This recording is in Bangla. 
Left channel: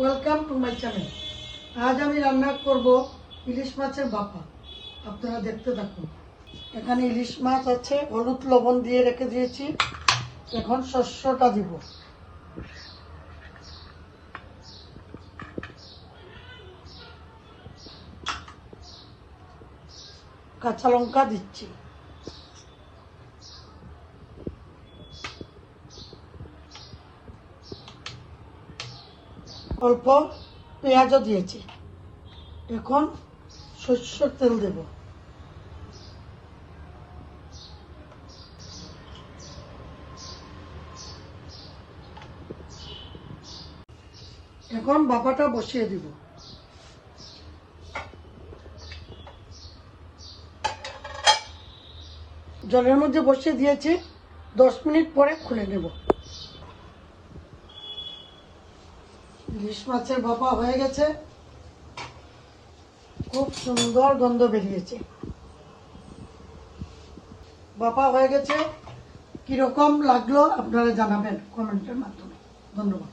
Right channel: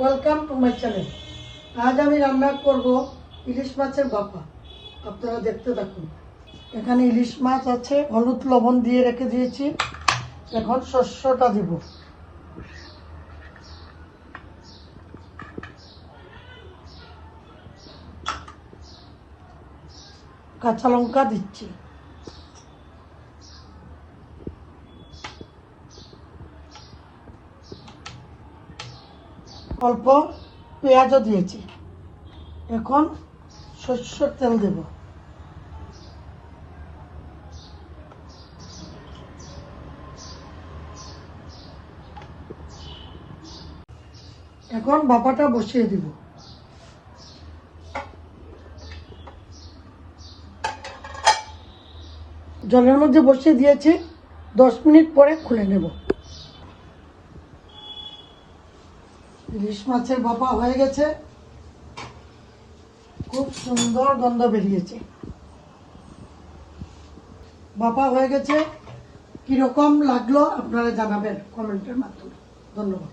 Welcome to my channel. আজ আমি রান্না করব ইলিশ মাছের ভাপা। আপনারা দেখতে থাকুন। এখানে ইলিশ মাছ আছে, হলুদ লবণ দিয়ে রেখে দিয়েছি। এখন শস্যটা দিব। কাঁচা লঙ্কা দিচ্ছি। অল্প পেঁয়াজও দিয়েছি। এখন সরষের তেল দেব। এখন ভাপাটা বসিয়ে দিব। জলের মধ্যে বসিয়ে দিয়েছি, 10 মিনিট পরে খুলে নেব। ইলিশ মাছের ভাপা হয়ে গেছে, খুব সুন্দর গন্ধ বেরিয়েছে। ভাপা হয়ে গেছে, কিরকম লাগলো আপনারা জানাবেন কমেন্টের মাধ্যমে। ধন্যবাদ।